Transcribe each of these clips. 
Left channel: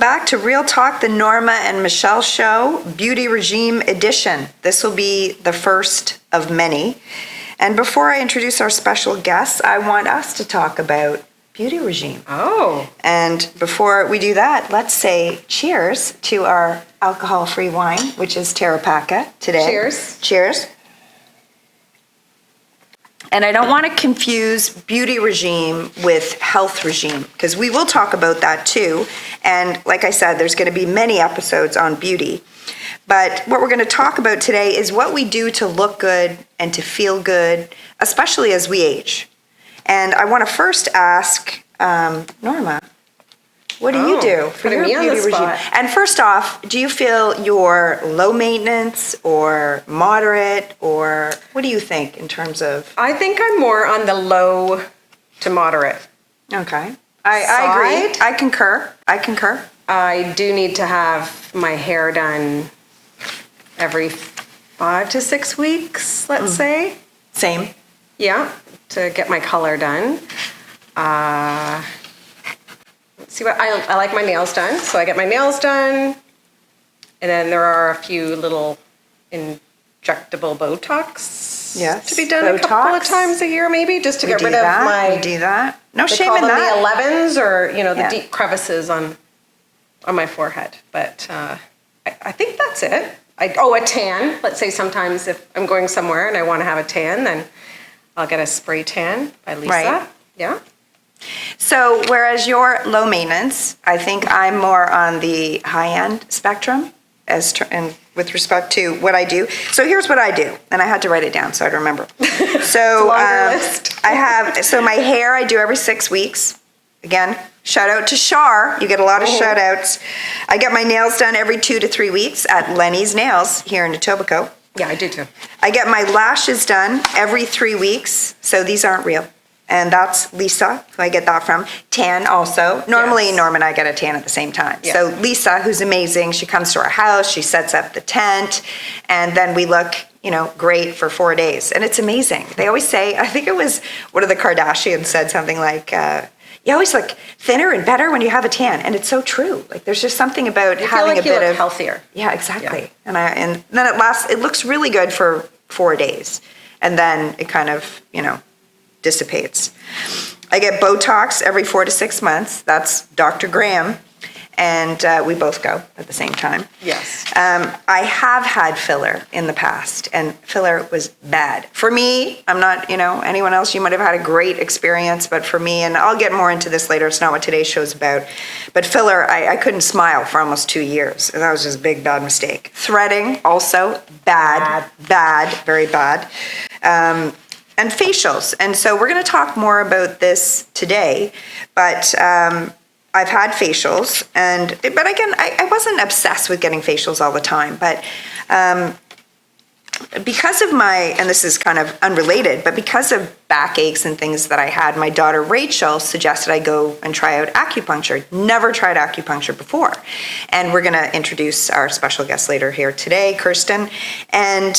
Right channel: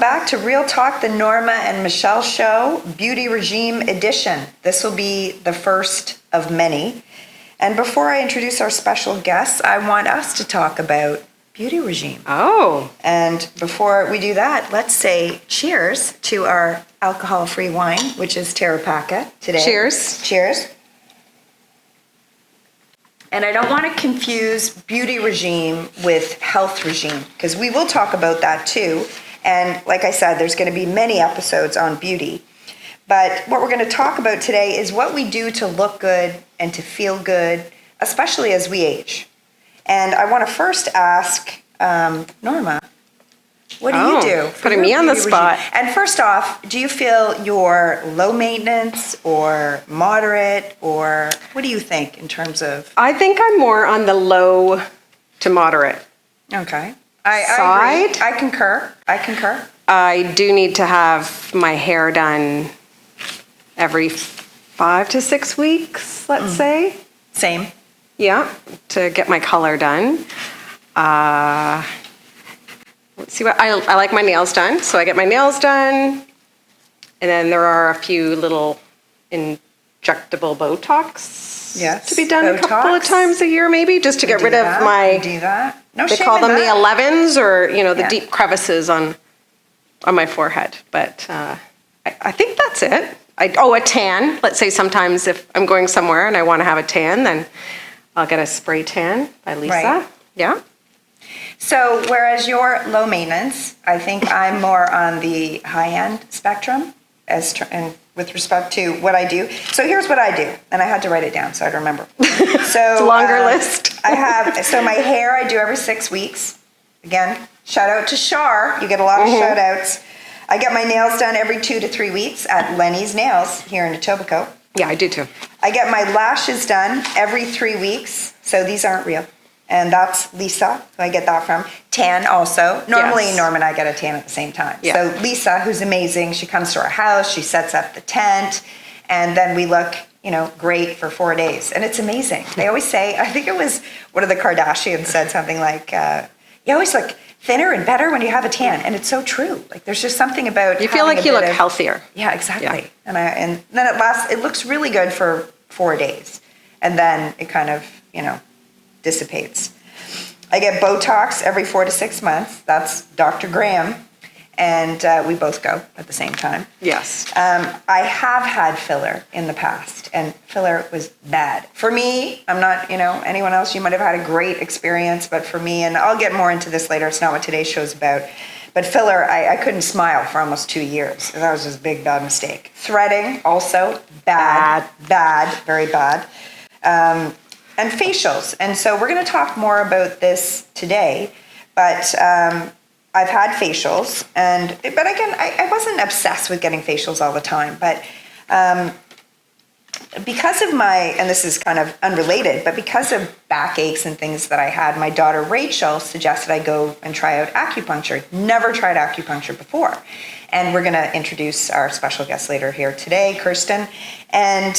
back to Real Talk, the Norma and Michelle Show, Beauty Regime Edition. This will be the first of many. And before I introduce our special guests, I want us to talk about beauty regime. Oh. And before we do that, let's say cheers to our alcohol-free wine, which is Terapaca today. Cheers. Cheers. And I don't want to confuse beauty regime with health regime, because we will talk about that too. And like I said, there's going to be many episodes on beauty. But what we're going to talk about today is what we do to look good and to feel good, especially as we age. And I want to first ask Norma, what do you do? Putting me on the spot. Regime? And first off, do you feel you're low maintenance or moderate, or what do you think in terms of? I think I'm more on the low to moderate. Okay. I agree. I concur. I do need to have my hair done every 5 to 6 weeks, let's say. Same. Yeah, to get my color done. Let's see what I like my nails done, so I get my nails done, and then there are a few little injectable Botox to be done a couple of times a year, maybe, just to get rid of my. Do that. No shame in that. They call them the 11s, or the deep crevices on my forehead. But I think that's it. A tan. Let's say sometimes if I'm going somewhere and I want to have a tan, then I'll get a spray tan by Lisa. Right. Yeah. So whereas you're low maintenance, I think I'm more on the high-end spectrum and with respect to what I do. So here's what I do, and I had to write it down so I'd remember. So it's a longer list. So my hair I do every 6 weeks. Again, shout out to Shar. You get a lot of shout outs. I get my nails done every 2 to 3 weeks at Lenny's Nails here in Etobicoke. Yeah, I do too. I get my lashes done every 3 weeks. So these aren't real. And that's Lisa, who I get that from. Tan also. Normally, Norma and I get a tan at the same time. Yeah. So Lisa, who's amazing, she comes to our house, she sets up the tent, and then we look, great for 4 days. And it's amazing. They always say, I think it was one of the Kardashians said something like, you always look thinner and better when you have a tan. And it's so true. Like, there's just something about you feel like you look healthier. Yeah, exactly. Yeah. And then it looks really good for 4 days. And then it kind of, dissipates. I get Botox every 4 to 6 months. That's Dr. Graham. And we both go at the same time. Yes. I have had filler in the past, and filler was bad. For me, I'm not, anyone else, you might have had a great experience, but for me, and I'll get more into this later, it's not what today's show's about, but filler, I couldn't smile for almost 2 years. That was just a big, bad mistake. Threading, also, bad, very bad. And facials. And so we're going to talk more about this today, but I've had facials, but again, I wasn't obsessed with getting facials all the time, but because of and this is kind of unrelated, but because of backaches and things that I had, my daughter Rachel suggested I go and try out acupuncture. Never tried acupuncture before. And we're going to introduce our special guest later here today, Kristen. And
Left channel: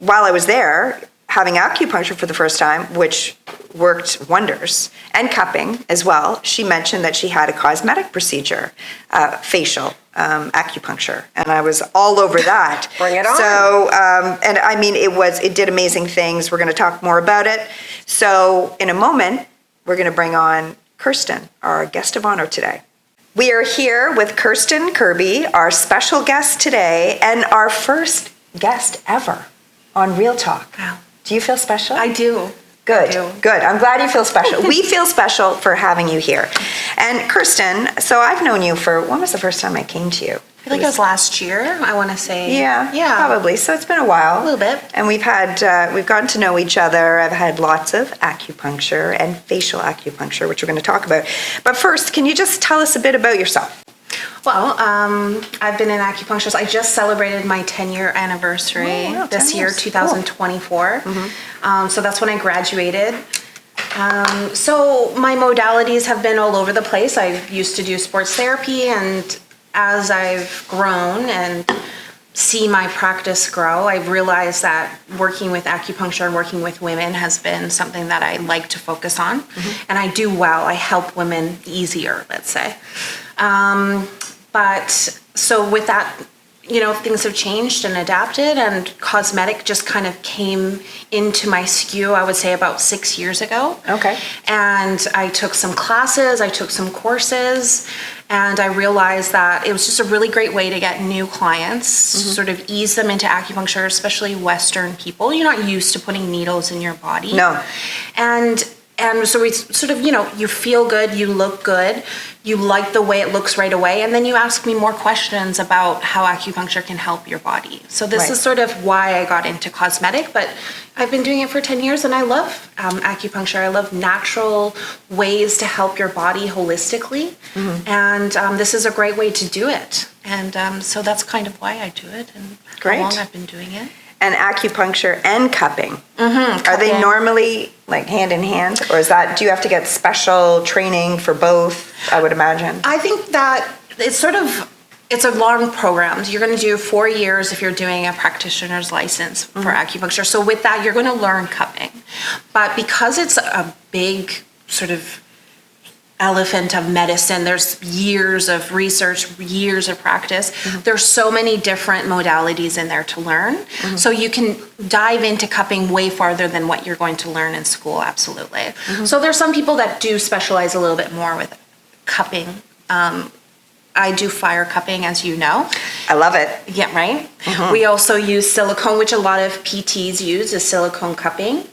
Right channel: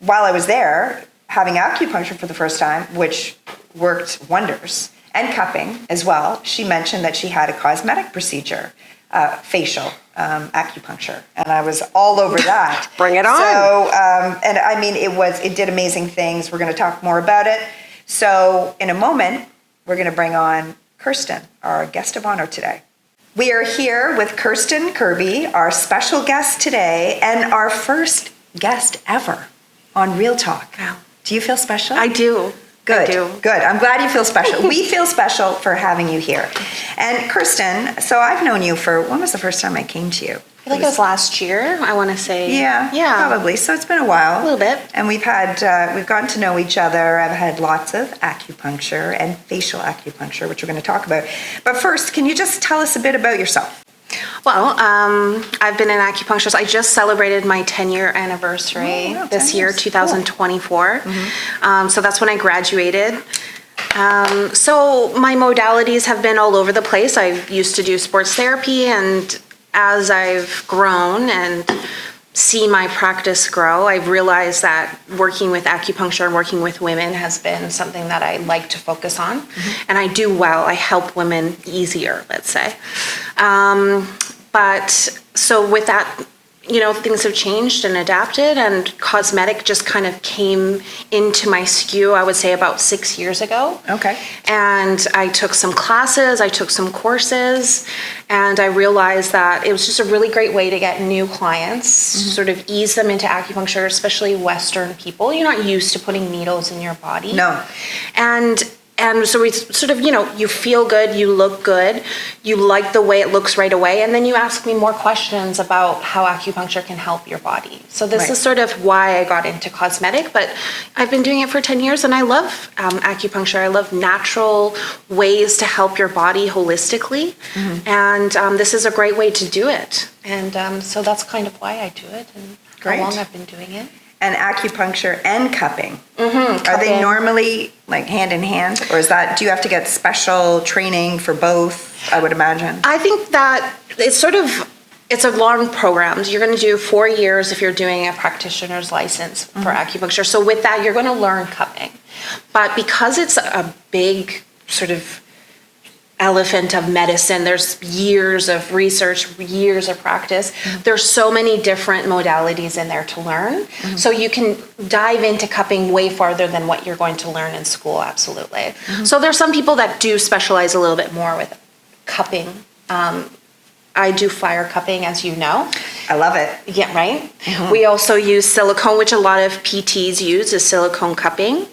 while I was there, having acupuncture for the first time, which worked wonders, and cupping as well, she mentioned that she had a cosmetic procedure, facial acupuncture, and I was all over that. Bring it on. So, and I mean, it did amazing things. We're going to talk more about it. So, in a moment, we're going to bring on Kristen, our guest of honor today. We are here with Kristen Kirby, our special guest today, and our first guest ever on Real Talk. Wow. Do you feel special? I do. Good. I do. Good. I'm glad you feel special. We feel special for having you here. And Kristen, so I've known you when was the first time I came to you? I feel like it was last year, I want to say. Yeah, probably. So it's been a while. A little bit. And we've gotten to know each other. I've had lots of acupuncture and facial acupuncture, which we're going to talk about. But first, can you just tell us a bit about yourself? Well, I've been in acupuncture. So I just celebrated my 10-year anniversary this year, 2024. Cool. So that's when I graduated. So my modalities have been all over the place. I used to do sports therapy, and as I've grown and see my practice grow, I've realized that working with acupuncture, working with women has been something that I like to focus on. And I do well. I help women easier, let's say. But so with that, things have changed and adapted, and cosmetic just kind of came into my skew, I would say about 6 years ago. Okay. And I took some classes, I took some courses, and I realized that it was just a really great way to get new clients, sort of ease them into acupuncture, especially Western people. You're not used to putting needles in your body. No. And so we sort of, you feel good, you look good, you like the way it looks right away, and then you ask me more questions about how acupuncture can help your body. So this is sort of why I got into cosmetic, but I've been doing it for 10 years and I love acupuncture. I love natural ways to help your body holistically, and this is a great way to do it. And so that's kind of why I do it and Great. how long I've been doing it. And acupuncture and cupping. Are they normally like hand in hand, or do you have to get special training for both? I would imagine. I think that it's a long program. You're going to do 4 years if you're doing a practitioner's license for acupuncture. So with that, you're going to learn cupping. But because it's a big sort of elephant of medicine, there's years of research, years of practice. There's so many different modalities in there to learn. So you can dive into cupping way farther than what you're going to learn in school, absolutely. So there's some people that do specialize a little bit more with cupping. I do fire cupping, as you know. I love it. Yeah, right? We also use silicone, which a lot of PTs use, is silicone cupping.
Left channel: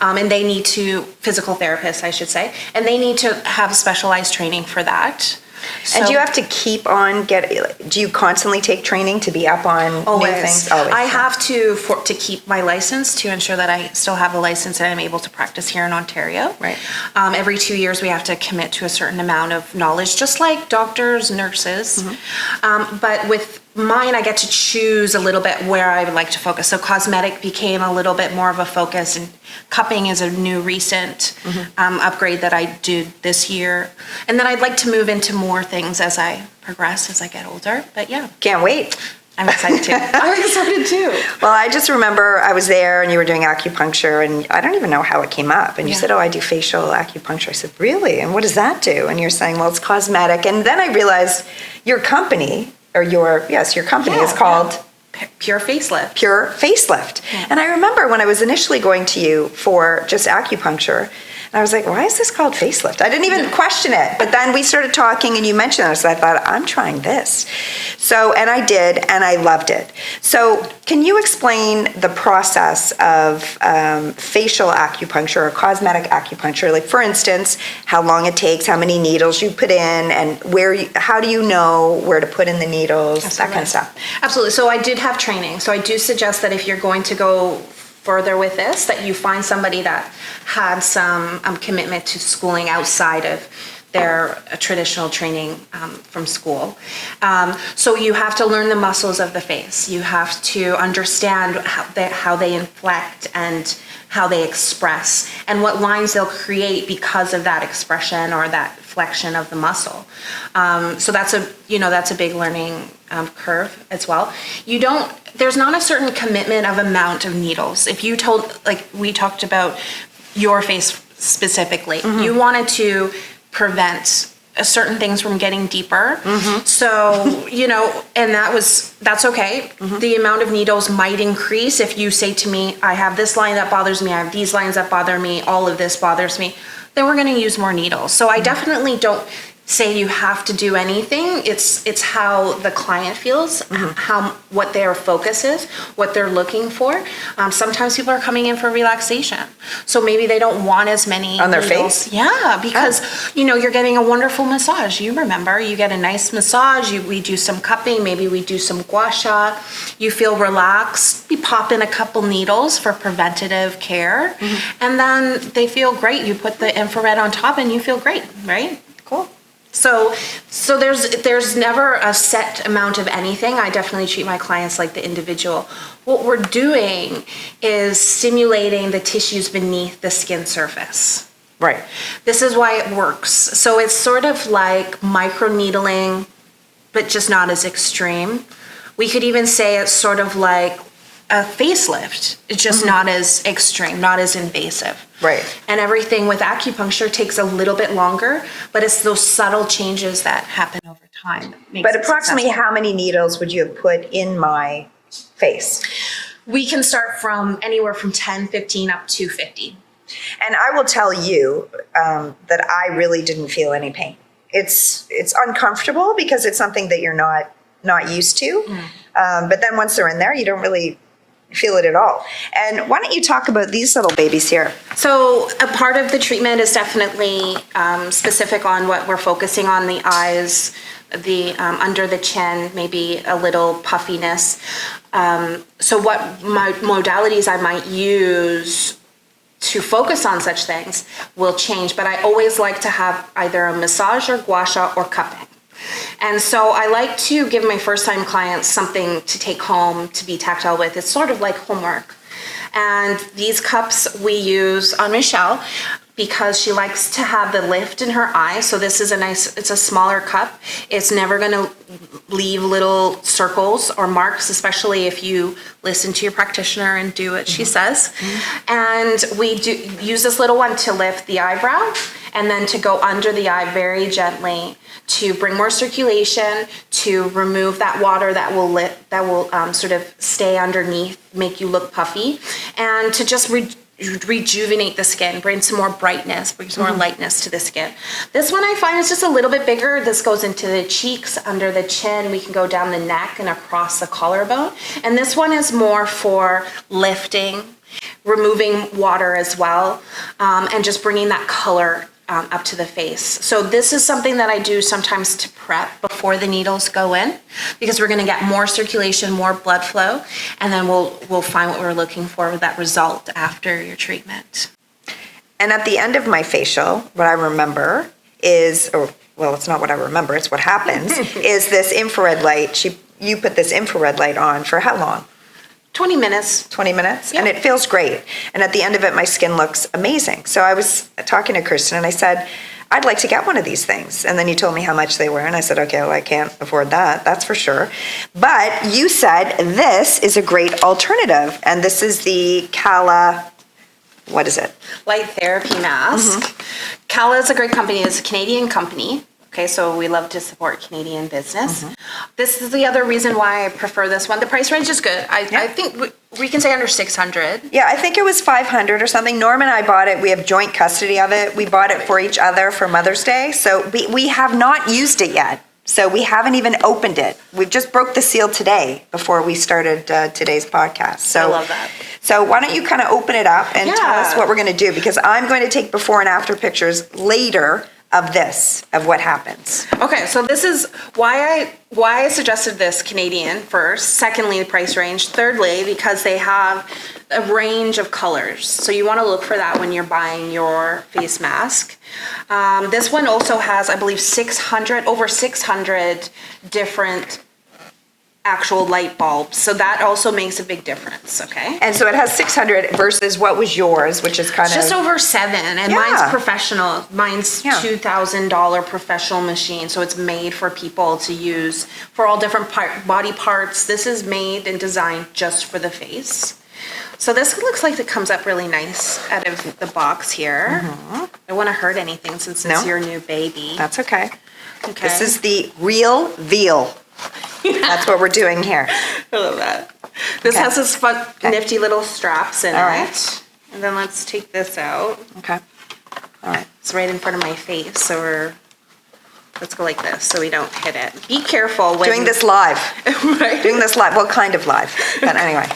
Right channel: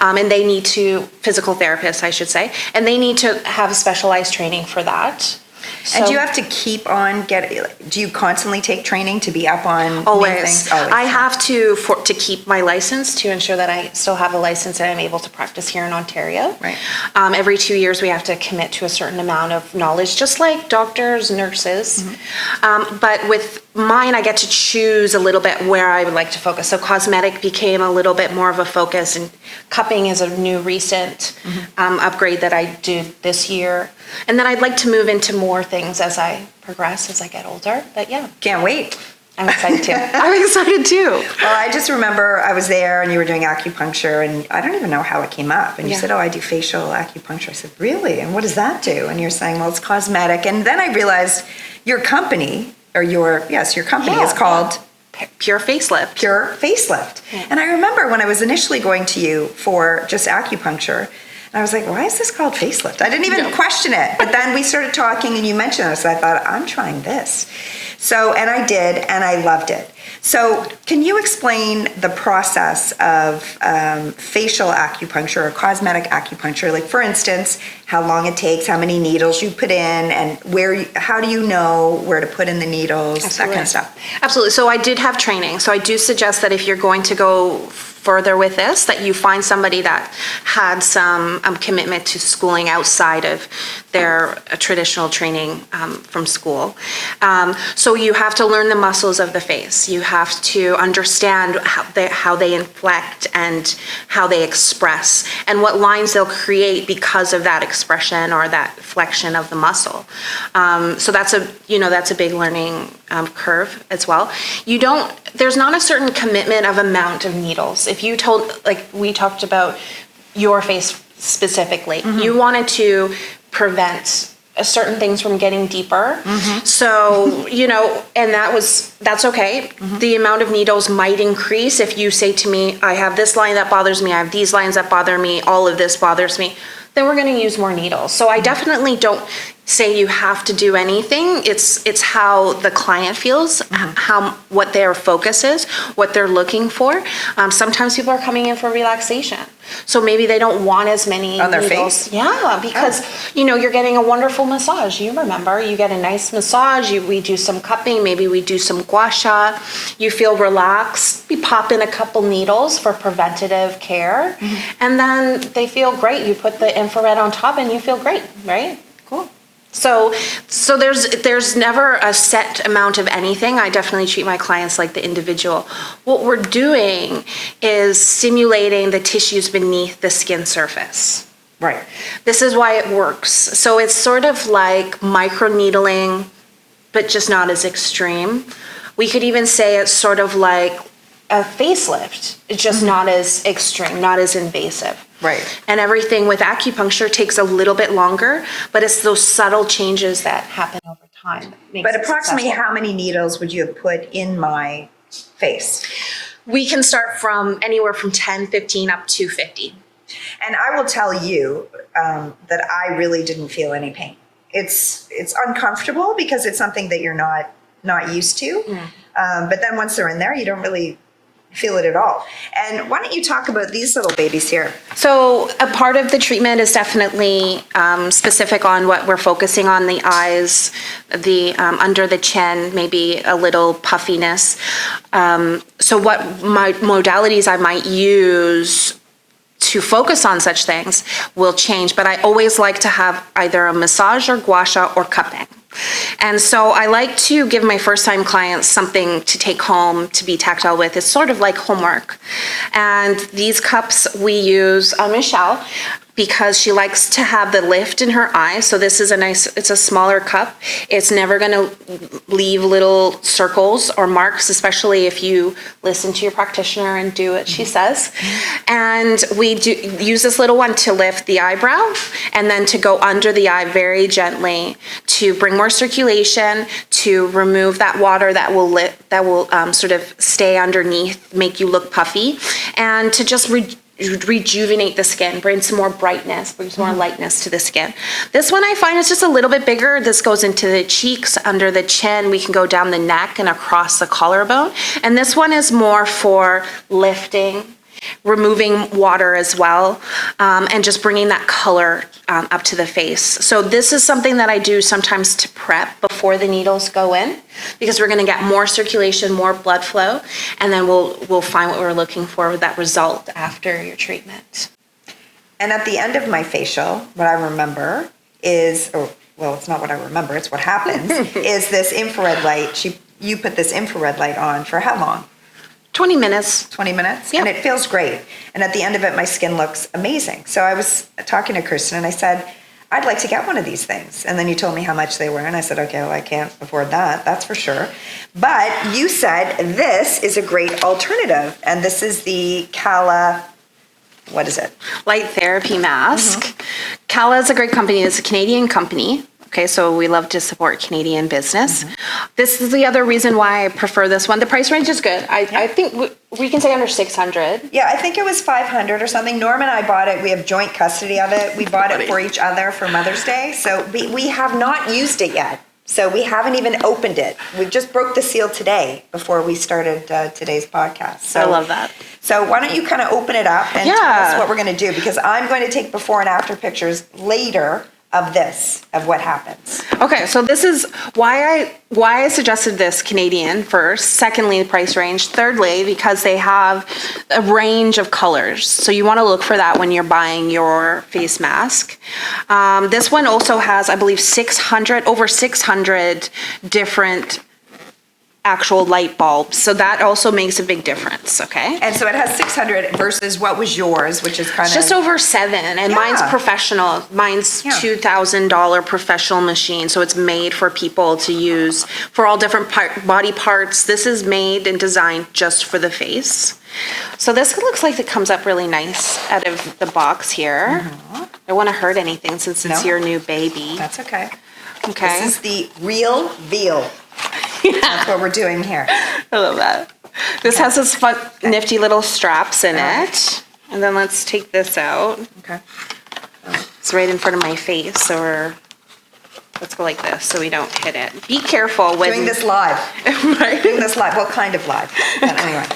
And they need to, physical therapists, I should say, and they need to have specialized training for that. And do you have to keep on do you constantly take training to be up on new things? Always. I have to keep my license, to ensure that I still have a license and I'm able to practice here in Ontario. Right. Every 2 years we have to commit to a certain amount of knowledge, just like doctors, nurses. But with mine, I get to choose a little bit where I would like to focus. So cosmetic became a little bit more of a focus, and cupping is a new recent upgrade that I do this year. And then I'd like to move into more things as I progress, as I get older. But yeah. Can't wait. I'm excited too. I'm excited too. Well, I just remember I was there and you were doing acupuncture, and I don't even know how it came up. And you said, I do facial acupuncture. I said, really? And what does that do? And you're saying, well, it's cosmetic. And then I realized your company, or your company is called Pure Facelift. Pure Facelift. And I remember when I was initially going to you for just acupuncture, and I was like, why is this called facelift? I didn't even question it. But then we started talking and you mentioned it, so I thought, I'm trying this. So, and I did, and I loved it. So can you explain the process of facial acupuncture or cosmetic acupuncture? Like, for instance, how long it takes, how many needles you put in, and how do you know where to put in the needles, that kind of stuff? Absolutely. So I did have training. So I do suggest that if you're going to go further with this, that you find somebody that had some commitment to schooling outside of their traditional training from school. So you have to learn the muscles of the face. You have to understand how they inflect and how they express, and what lines they'll create because of that expression or that flexion of the muscle. So that's a big learning curve as well. There's not a certain commitment of amount of needles. If you we talked about your face specifically, you wanted to prevent certain things from getting deeper. So, and that's okay. The amount of needles might increase if you say to me, I have this line that bothers me, I have these lines that bother me, all of this bothers me, then we're going to use more needles. So I definitely don't say you have to do anything. It's how the client feels, what their focus is, what they're looking for. Sometimes people are coming in for relaxation, so maybe they don't want as many on their needles. face. Yeah, because you're getting a wonderful massage. You remember, you get a nice massage. We do some cupping. Maybe we do some gua sha. You feel relaxed. We pop in a couple needles for preventative care, and then they feel great. You put the infrared on top, and you feel great, right? Cool. So there's never a set amount of anything. I definitely treat my clients like the individual. What we're doing is stimulating the tissues beneath the skin surface. Right. This is why it works. So it's sort of like microneedling, but just not as extreme. We could even say it's sort of like a facelift. It's just not as extreme, not as invasive. Right. And everything with acupuncture takes a little bit longer, but it's those subtle changes that happen over time. But approximately how many needles would you have put in my face? We can start from anywhere from 10, 15 up to 50. And I will tell you that I really didn't feel any pain. It's uncomfortable because it's something that you're not used to. But then once they're in there, you don't really feel it at all. And why don't you talk about these little babies here? So a part of the treatment is definitely specific on what we're focusing on: the eyes, the under the chin, maybe a little puffiness. So what modalities I might use to focus on such things will change, but I always like to have either a massage or gua sha or cupping. And so I like to give my first-time clients something to take home to be tactile with. It's sort of like homework. And these cups we use on Michelle because she likes to have the lift in her eye. So this is it's a smaller cup. It's never gonna leave little circles or marks, especially if you listen to your practitioner and do what she says. And we do use this little one to lift the eyebrow and then to go under the eye very gently to bring more circulation, to remove that water that will sort of stay underneath, make you look puffy, and to just rejuvenate the skin, bring some more brightness, bring some more lightness to the skin. This one I find is just a little bit bigger. This goes into the cheeks, under the chin. We can go down the neck and across the collarbone. And this one is more for lifting, removing water as well, and just bringing that color up to the face. So this is something that I do sometimes to prep before the needles go in, because we're going to get more circulation, more blood flow, and then we'll find what we're looking for with that result after your treatment. And at the end of my facial, what I remember is, it's not what I remember, it's what happens, is this infrared light. You put this infrared light on for how long? 20 minutes. 20 minutes? Yep. And it feels great. And at the end of it, my skin looks amazing. So I was talking to Kristen and I said, I'd like to get one of these things. And then you told me how much they were. And I said, okay, well, I can't afford that. That's for sure. But you said this is a great alternative. And this is the Kala, what is it? Light therapy mask. Kala is a great company. It's a Canadian company. Okay, so we love to support Canadian business. This is the other reason why I prefer this one. The price range is good. I think we can say under 600. Yeah, I think it was 500 or something. Norma and I bought it. We have joint custody of it. We bought it for each other for Mother's Day. So we have not used it yet. So we haven't even opened it. We just broke the seal today before we started today's podcast. So I love that. So why don't you kind of open it up and tell us what we're going to do? Because I'm going to take before and after pictures later of what happens. Okay, so this is why I suggested this Canadian first. Secondly, the price range. Thirdly, because they have a range of colors. So you want to look for that when you're buying your face mask. This one also has, I believe, over 600 different actual light bulbs. So that also makes a big difference, okay? And so it has 600 versus what was yours, which is kind of... Just over 7, and mine's professional. Mine's $2,000 professional machine, so it's made for people to use for all different body parts. This is made and designed just for the face. So this looks like it comes up really nice out of the box here. I don't want to hurt anything since it's your new baby. That's okay. Okay. This is the real veal. That's what we're doing here. I love that. This has this fun, nifty little straps in it. And then let's take this out. Okay. All right. It's right in front of my face, so let's go like this so we don't hit it. Be careful when... Doing this live. Right? Doing this live. Well, kind of live. But anyway.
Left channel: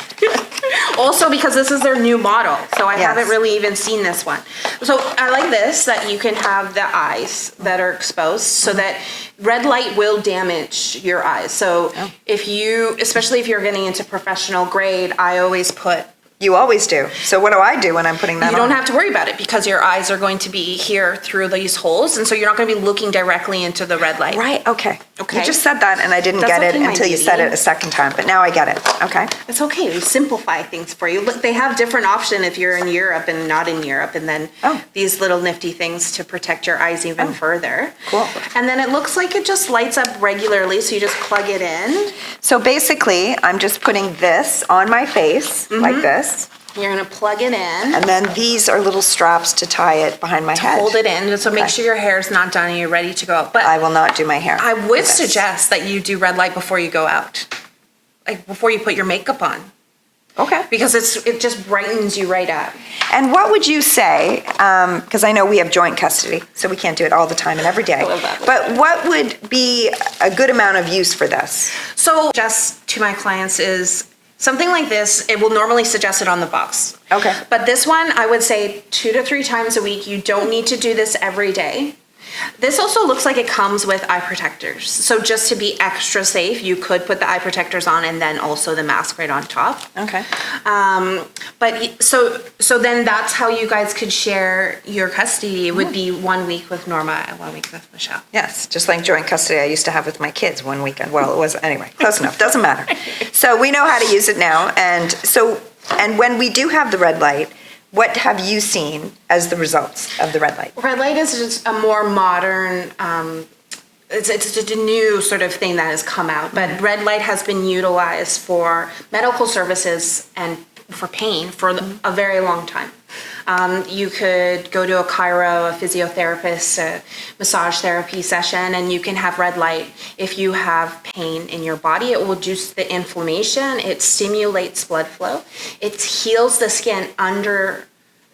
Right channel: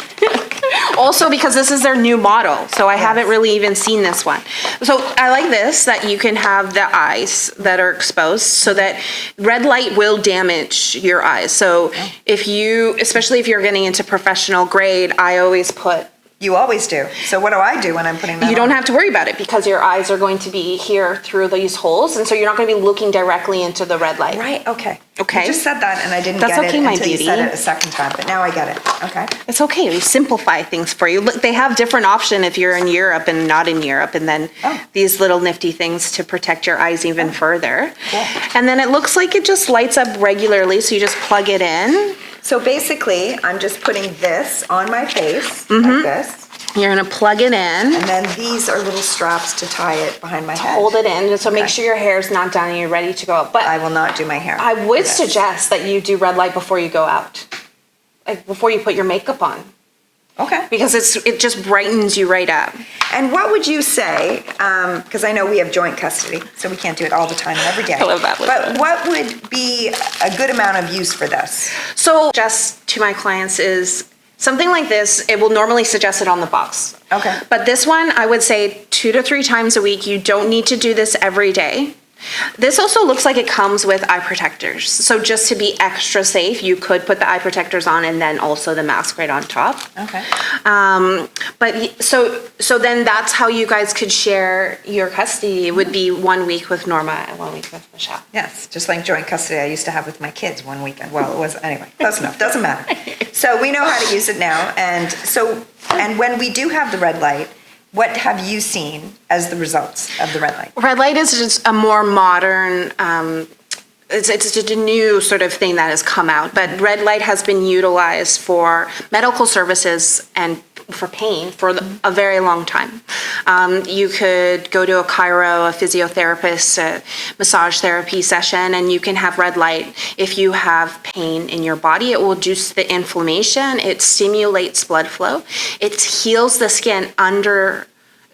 Also because this is their new model, so I haven't really even seen this one. So I like this, that you can have the eyes that are exposed, so that red light will damage your eyes. So if you, especially if you're getting into professional grade, I always put You always do. So what do I do when I'm putting that on? You don't have to worry about it because your eyes are going to be here through these holes, and so you're not going to be looking directly into the red light. Right, okay. Okay. You just said that and I didn't That's get okay, it my until you beauty. said it a second time, but now I get it. Okay. It's okay. We simplify things for you. Look, they have different option if you're in Europe and not in Europe, and then these little nifty things to protect your eyes even further. Cool. And then it looks like it just lights up regularly, so you just plug it in. So basically, I'm just putting this on my face, like this, You're gonna plug it in, and then these are little straps to tie it behind my head. hold it in, so make Okay. sure your hair is not done and you're ready to go. But I will not do my hair. I would with this. suggest that you do red light before you go out, like before you put your makeup on, Okay. because it just brightens you right up. And what would you say, because I know we have joint custody, so we can't do it all the time and every day. I love that. But what would be a good amount of use for this? So just to my clients is something like this, it will normally suggest it on the box. Okay. But this one, I would say 2 to 3 times a week. You don't need to do this every day. This also looks like it comes with eye protectors. So just to be extra safe, you could put the eye protectors on and then also the mask right on top. Okay. So then that's how you guys could share your custody. It would be 1 week with Norma and 1 week with Michelle. Yes, just like joint custody I used to have with my kids one weekend. Well, it was, anyway, close enough, doesn't matter. So we know how to use it now, and when we do have the red light, what have you seen as the results of the red light? Red light is just a more modern, it's just a new sort of thing that has come out. But red light has been utilized for medical services and for pain for a very long time. You could go to a chiro, a physiotherapist, a massage therapy session, and you can have red light. If you have pain in your body, it will reduce the inflammation, it stimulates blood flow, it heals the skin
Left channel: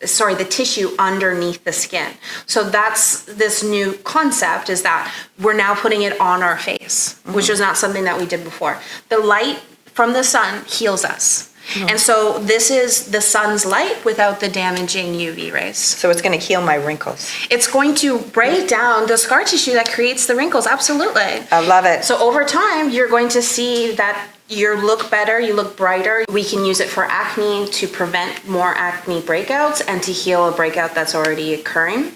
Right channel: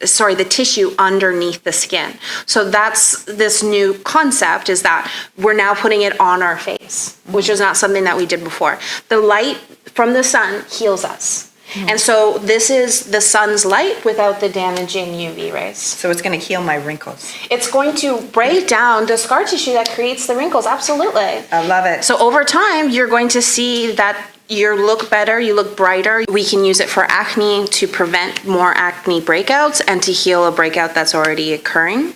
the tissue underneath the skin. So that's this new concept, is that we're now putting it on our face, which is not something that we did before. The light from the sun heals us. And so this is the sun's light without the damaging UV rays. So it's going to heal my wrinkles. It's going to break down the scar tissue that creates the wrinkles, absolutely. I love it. So over time, you're going to see that you look better, you look brighter. We can use it for acne to prevent more acne breakouts and to heal a breakout that's already occurring.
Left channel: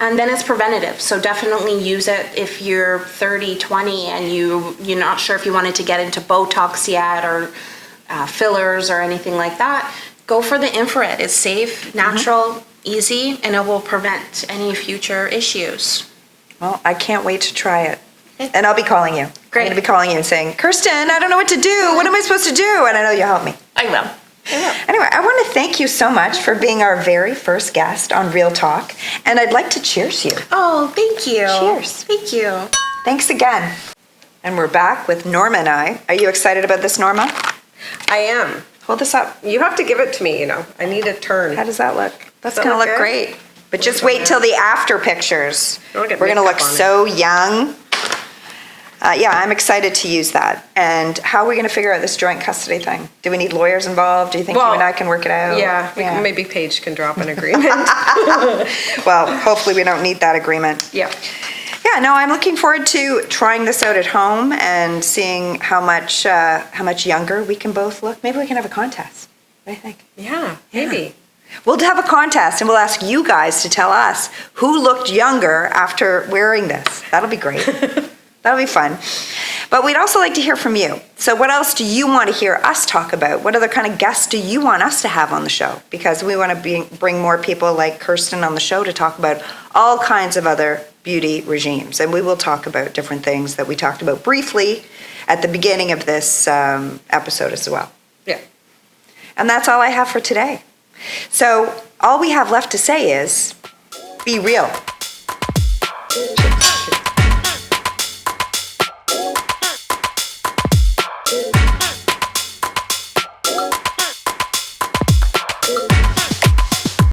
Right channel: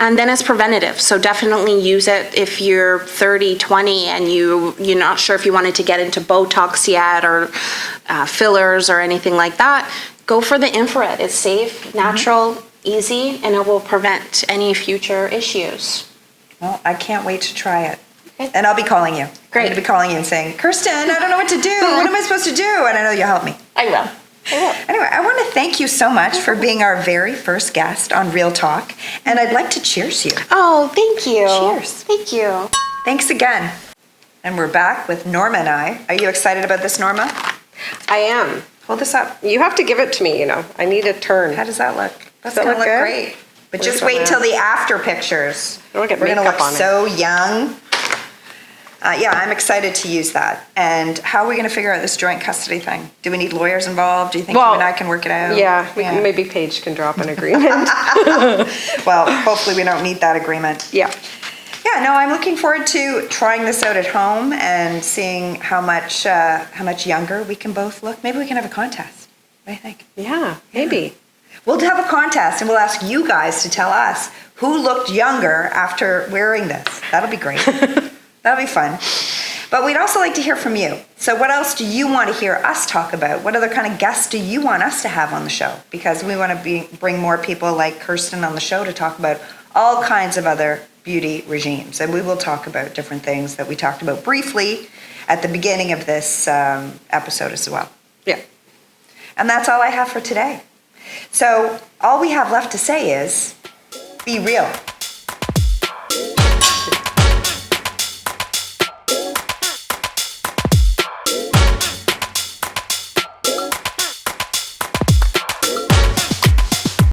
And then it's preventative. So definitely use it if you're 30, 20 and you're not sure if you wanted to get into Botox yet or fillers or anything like that. Go for the infrared. It's safe, natural, easy, and it will prevent any future issues. Well, I can't wait to try it. And I'll be calling you. Great. I'm going to be calling you and saying, Kirsten, I don't know what to do. What am I supposed to do? And I know you'll help me. I will. Anyway, I want to thank you so much for being our very first guest on Real Talk. And I'd like to cheers you. Oh, thank you. Cheers. Thank you. Thanks again. And we're back with Norma and I. Are you excited about this, Norma? I am. Hold this up. You have to give it to me, I need a turn. How does that look? That's Does that gonna look good? great. But just wait till the after pictures. Don't get We're going to makeup look on it. so young. Yeah, I'm excited to use that. And how are we going to figure out this joint custody thing? Do we need lawyers involved? Do you think you and I can work it out? Yeah, maybe Paige can drop an agreement. Well, hopefully we don't need that agreement. Yeah. Yeah, no, I'm looking forward to trying this out at home and seeing how much younger we can both look. Maybe we can have a contest. What do you think? Yeah, maybe. We'll have a contest and we'll ask you guys to tell us who looked younger after wearing this. That'll be great. That'll be fun. But we'd also like to hear from you. So what else do you want to hear us talk about? What other kind of guests do you want us to have on the show? Because we want to bring more people like Kirsten on the show to talk about all kinds of other beauty regimes. And we will talk about different things that we talked about briefly at the beginning of this episode as well. Yeah. And that's all I have for today. So all we have left to say is, be real.